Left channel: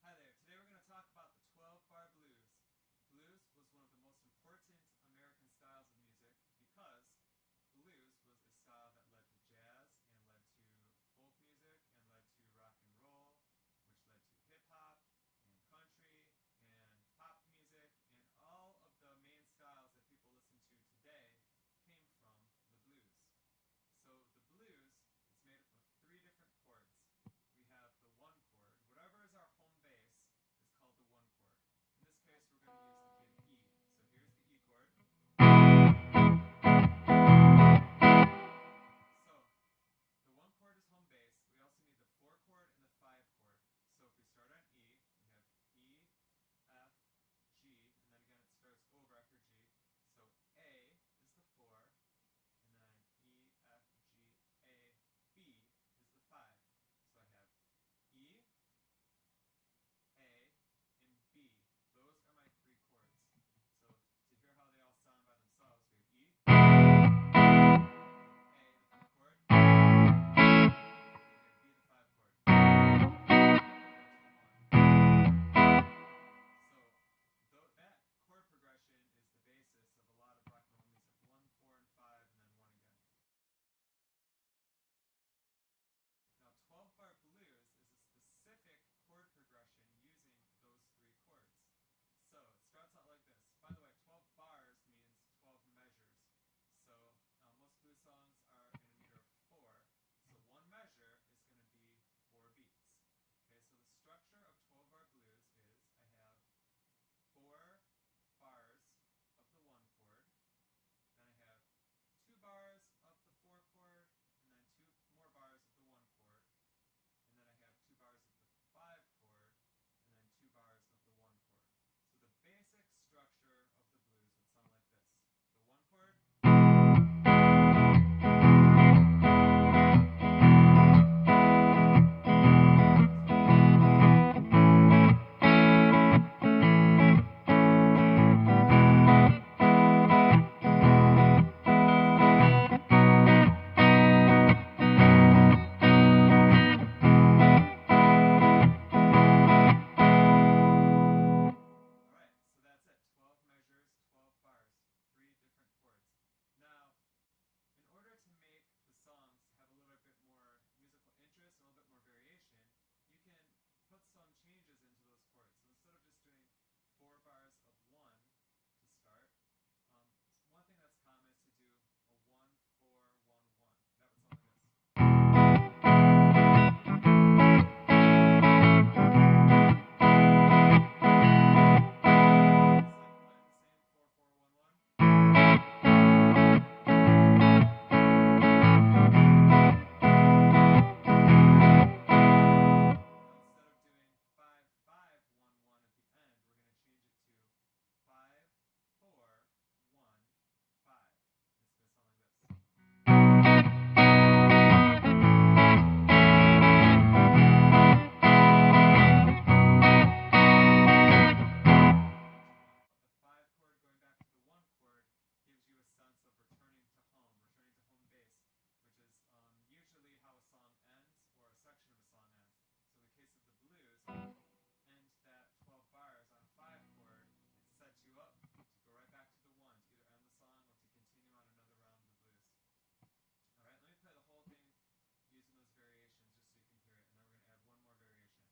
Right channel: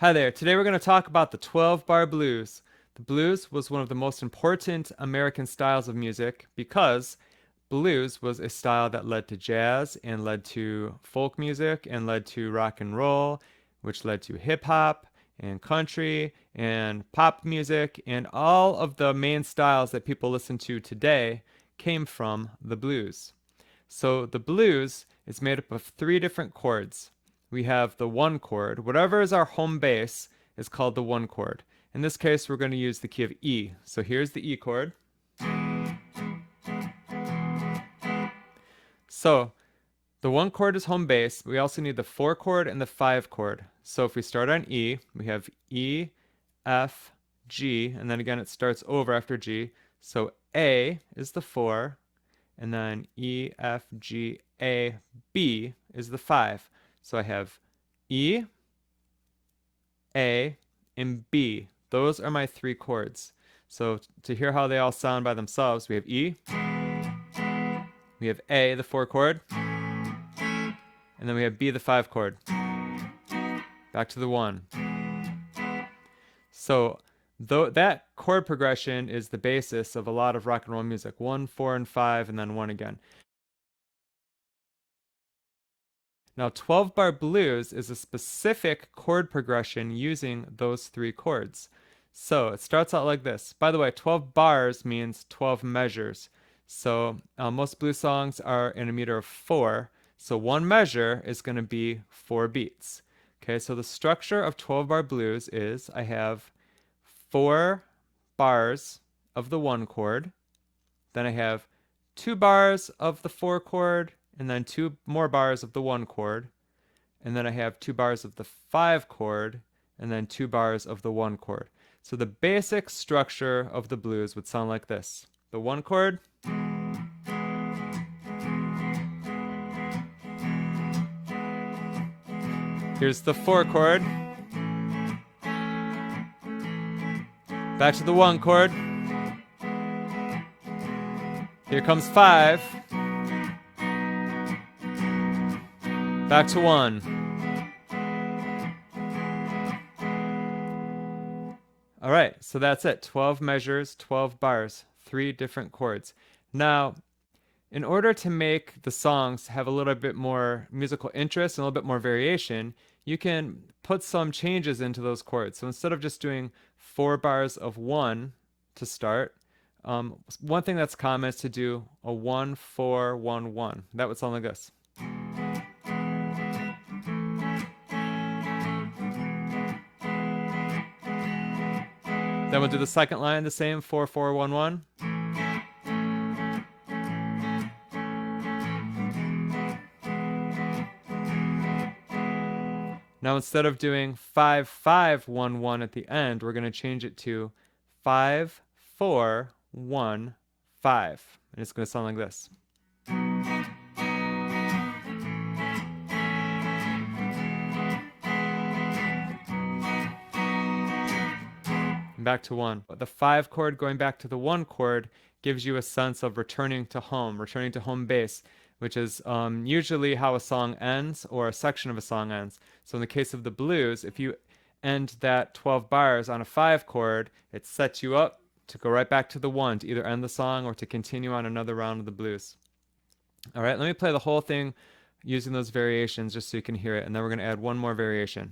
Hi there. Today we're going to talk about the 12 bar blues. The blues was one of the most important American styles of music because blues was a style that led to jazz and led to folk music and led to rock and roll, which led to hip hop and country and pop music, and all of the main styles that people listen to today came from the blues. So the blues is made up of three different chords. We have the one chord. Whatever is our home base is called the one chord. In this case, we're going to use the key of E. So here's the E chord. So the one chord is home base. We also need the four chord and the five chord. So if we start on E, we have E, F, G, and then again it starts over after G. So A is the four, and then E, F, G, A, B is the five. So I have E, A, and B. Those are my three chords. So to hear how they all sound by themselves, we have E, we have A, the four chord, and then we have B, the five chord. Back to the one. So that chord progression is the basis of a lot of rock and roll music. One, four, and five, and then one again. Now, 12 bar blues is a specific chord progression using those three chords. So it starts out like this. By the way, 12 bars means 12 measures. So most blues songs are in a meter of four. So one measure is going to be four beats. Okay, so the structure of 12 bar blues is I have four bars of the one chord, then I have two bars of the four chord, and then two more bars of the one chord, and then I have two bars of the five chord, and then two bars of the one chord. So the basic structure of the blues would sound like this. The one chord, here's the four chord, back to the one chord, here comes five, back to one. All right, so that's it. 12 measures, 12 bars, three different chords. Now, in order to make the songs have a little bit more musical interest and a little bit more variation, you can put some changes into those chords. So instead of just doing four bars of one to start, one thing that's common is to do a 1 4 1 1. That would sound like this. Then we'll do the second line the same 4 4 1 1. Now instead of doing 5 5 1 1 at the end, we're going to change it to 5 4 1 5. And it's going to sound like this. Back to one. The five chord going back to the one chord gives you a sense of returning to home base, which is usually how a song ends or a section of a song ends. So in the case of the blues, if you end that 12 bars on a five chord, it sets you up to go right back to the one to either end the song or to continue on another round of the blues. All right, let me play the whole thing using those variations just so you can hear it, and then we're going to add one more variation.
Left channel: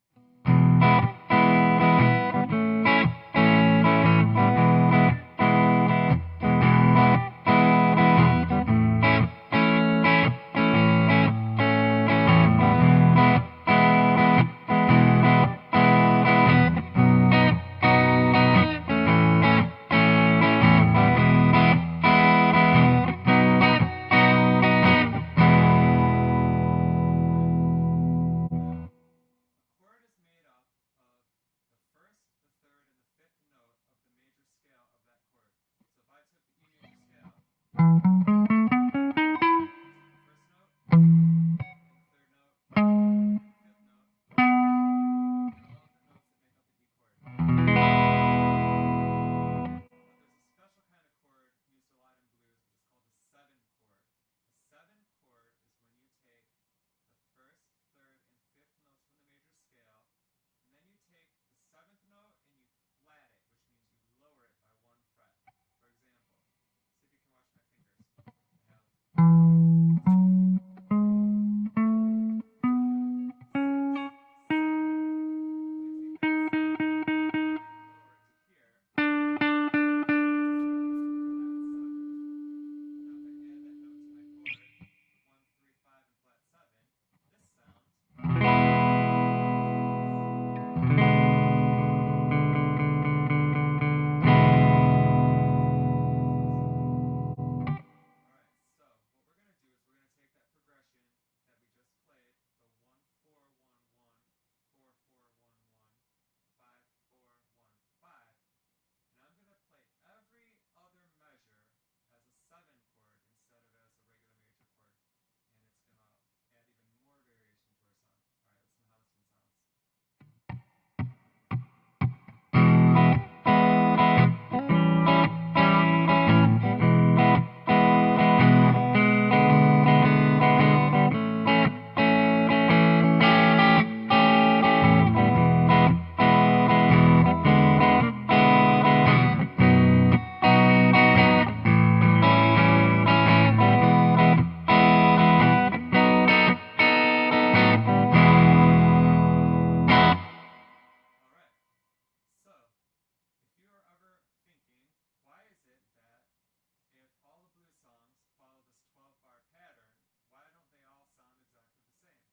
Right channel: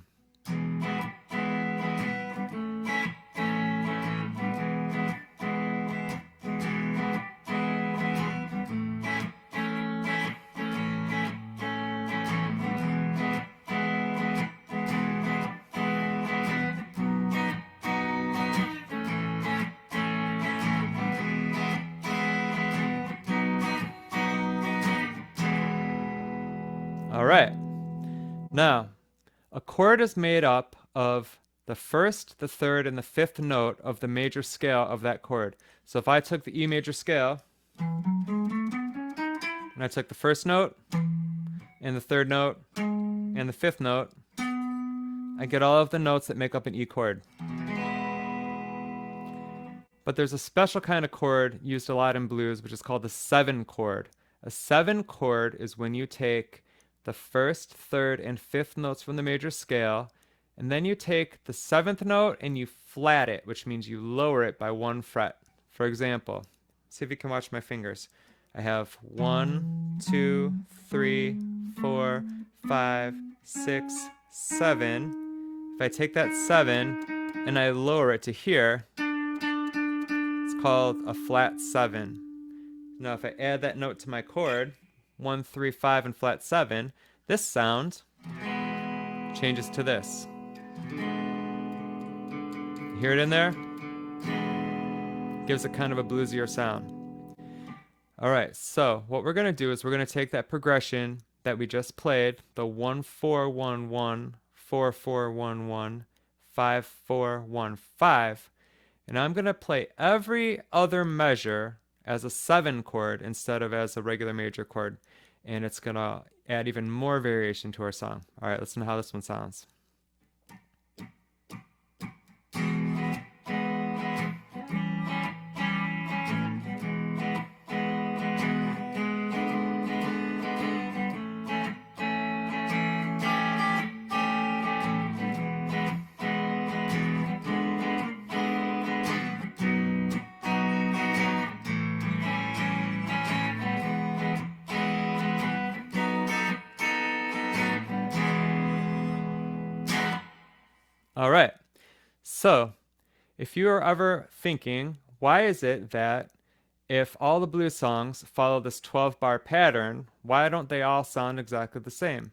All right. Now, a chord is made up of the first, the third, and the fifth note of the major scale of that chord. So if I took the E major scale, and I took the first note, and the third note, and the fifth note, I get all of the notes that make up an E chord. But there's a special kind of chord used a lot in blues, which is called the seven chord. A seven chord is when you take the first, third, and fifth notes from the major scale And then you take the 7th note and you flat it, which means you lower it by 1 fret. For example, see if you can watch my fingers. I have 1, 2, 3, 4, 5, 6, 7. If I take that 7 and I lower it to here, it's called a flat 7. Now if I add that note to my chord, 1, 3, 5, and flat 7, this sound changes to this. Hear it in there? Gives it kind of a bluesier sound. All right, so what we're going to do is we're going to take that progression that we just played, the 1 4 1 1 4 4 1 1 5 4 1 5, and I'm going to play every other measure as a 7 chord instead of as a regular major chord, and it's going to add even more variation to our song. All right, listen to how this one sounds. All right, so if you are ever thinking, why is it that if all the blues songs follow this 12-bar pattern, why don't they all sound exactly the same?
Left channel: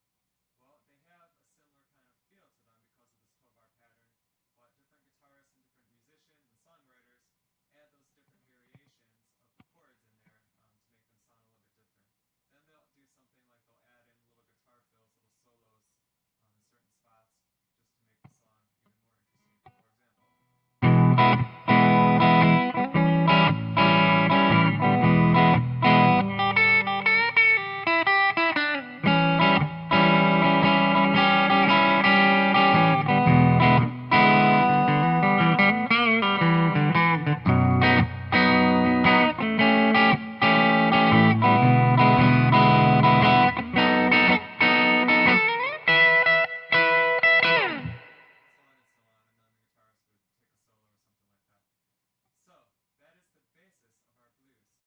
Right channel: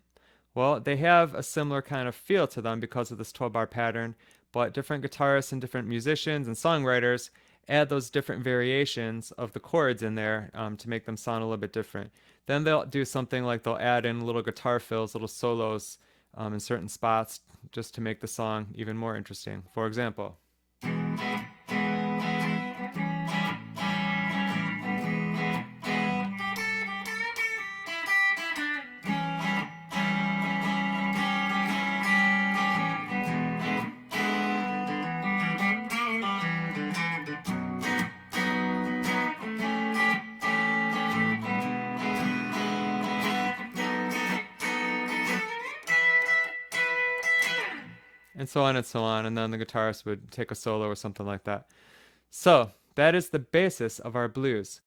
Well, they have a similar kind of feel to them because of this 12-bar pattern, but different guitarists and different musicians and songwriters add those different variations of the chords in there to make them sound a little bit different. Then they'll do something like they'll add in little guitar fills, little solos in certain spots just to make the song even more interesting. For example. And so on and so on, and then the guitarist would take a solo or something like that. So that is the basis of our blues.